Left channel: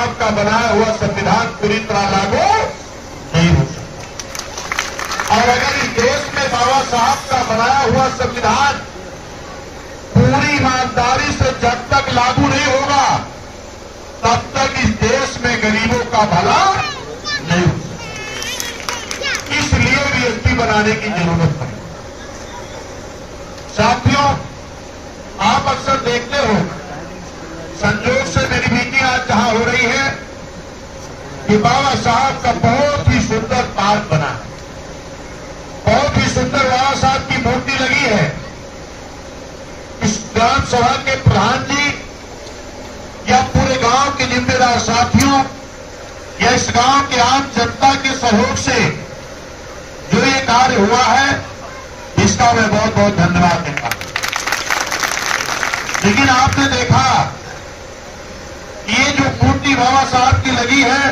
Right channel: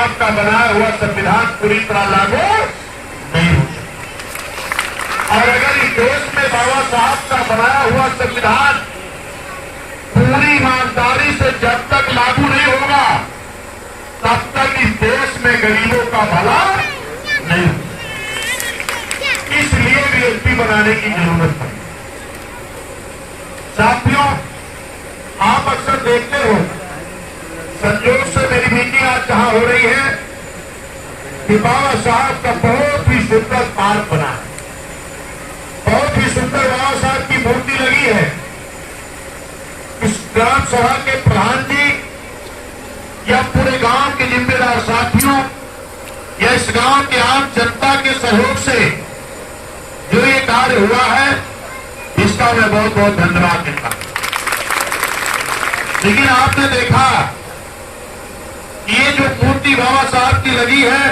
साहब का बनाया हुआ संविधान पूरी तरह लागू नहीं हो सकता। और अगर इस देश में बाबा साहब का बनाया हुआ संविधान पूरी ईमानदारी से जब तक लागू नहीं होगा तब तक इस देश में गरीबों का भला नहीं हो सकता। इसलिए बीएसपी बनाने की जरूरत है। साथियों, आप अक्सर देखते हो, संयोग से मेरी मीटिंग आज जहां हो रही है कि बाबा साहब का बहुत ही सुंदर पार्क बना है, बहुत ही सुंदर बाबा साहब की मूर्ति लगी है। इस ग्राम सभा के प्रधान जी या पूरे गांव के जिम्मेदार साथियों या इस गांव के आम जनता के सहयोग से जो ये कार्य हुआ है, इसका मैं बहुत बहुत धन्यवाद देता हूं। लेकिन आपने देखा ये जो मूर्ति बाबा साहब की लगी है,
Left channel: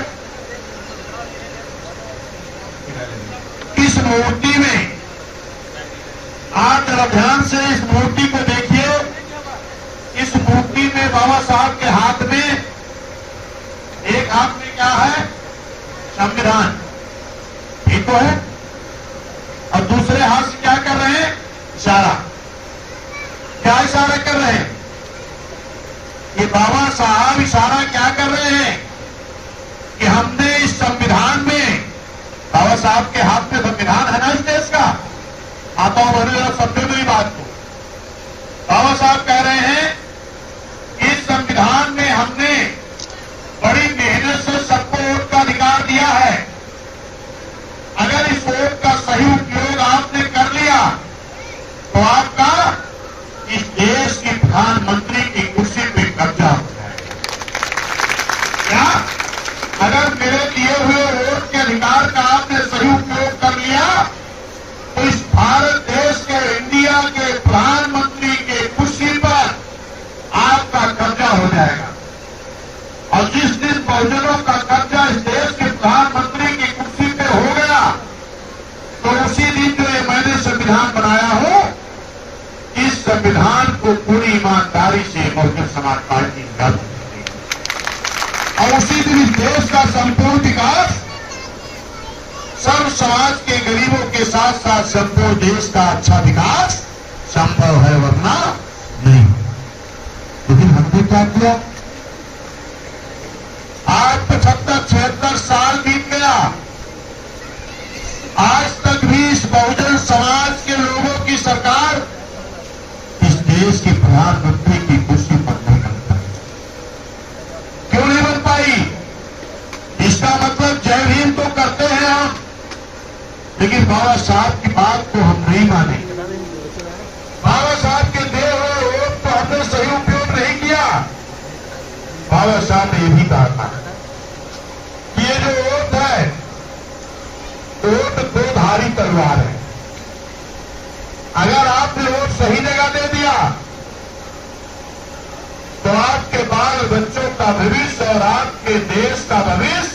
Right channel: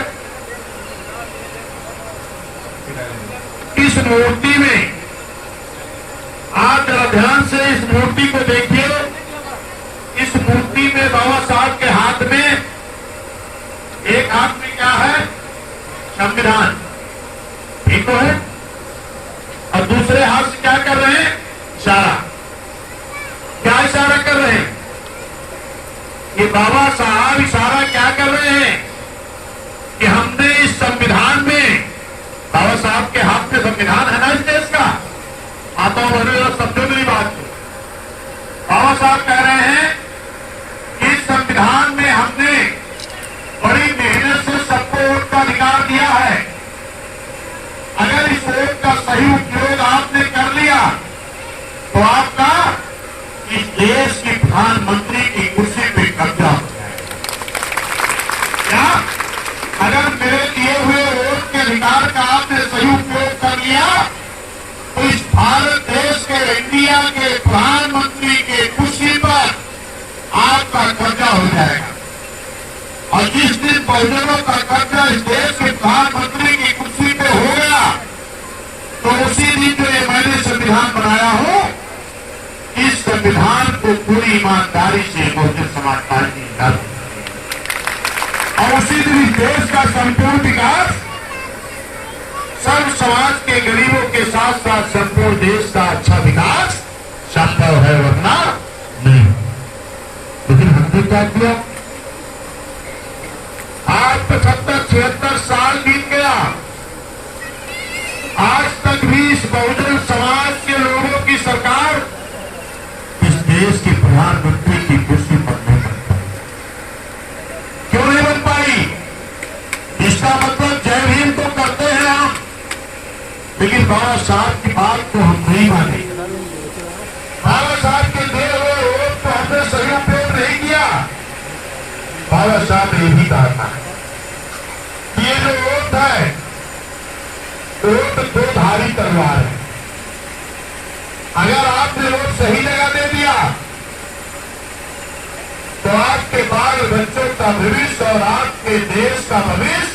इस मूर्ति में आप जरा ध्यान से इस मूर्ति को देखिए। इस मूर्ति में बाबा साहब के हाथ में, एक हाथ में क्या है? संविधान, ठीक तो है, और दूसरे हाथ से क्या कर रहे हैं? इशारा। क्या इशारा कर रहे हैं? ये बाबा साहब इशारा क्या कर रहे हैं कि हमने इस संविधान में, बाबा साहब के हाथ में संविधान है ना इस देश का, आता उन्होंने सबसे बड़ी बात को बाबा साहब कह रहे हैं, इस संविधान में हमने बड़ी मेहनत से सबको वोट का अधिकार दिया है। अगर इस वोट का सही उपयोग आपने कर लिया तो आपका इस देश की प्रधानमंत्री की कुर्सी पे कब्जा हो जाएगा। क्या? अगर मेरे दिए हुए वोट के अधिकार का आपने सही उपयोग कर लिया तो इस भारत देश के, इंडिया के प्रधानमंत्री के कुर्सी पर आपका कब्जा हो जाएगा। और जिस दिन बहुजनों का कब्जा इस देश के प्रधानमंत्री की कुर्सी पे हो गया तो उसी दिन जो ये मैंने संविधान बनाया हो, इस संविधान को पूरी ईमानदारी से बहुजन समाज पार्टी लागू करेगी। और उसी दिन इस देश का संपूर्ण विकास सर्व समाज के गरीबों के साथ साथ संपूर्ण देश का अच्छा विकास संभव है, वरना नहीं। लेकिन हमने क्या किया? आज 75-76 साल बीत गया, आज तक भी इस बहुजन समाज के लोगों की सरकार इस देश के प्रधानमंत्री की कुर्सी पर नहीं बन पाई। क्यों नहीं बन पाई? इसका मतलब जय भीम तो करते हैं हम, लेकिन बाबा साहब की बात को हम नहीं माने। बाबा साहब के दिए हुए वोट को हमने सही उपयोग नहीं किया। बाबा साहब ने यही कहा था, ये जो वोट है, वोट दो धारी तलवार है। अगर आपने वोट सही जगह दे दिया तो आपके बाल बच्चों का भविष्य और आपके देश का भविष्य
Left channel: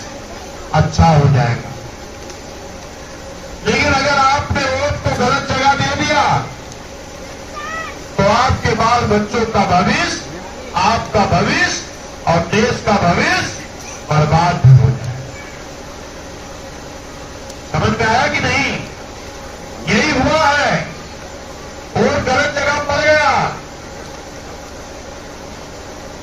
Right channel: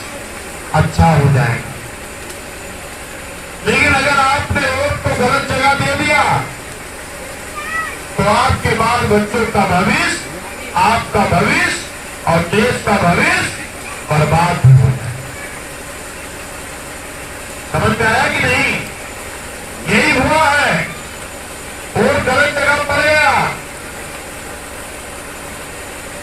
अच्छा हो जाएगा। लेकिन अगर आपने वोट को गलत जगह दे दिया तो आपके बाल बच्चों का भविष्य, आपका भविष्य और देश का भविष्य बर्बाद भी हो जाए। समझ में आया कि नहीं? यही हुआ है, वोट गलत जगह पड़ गया,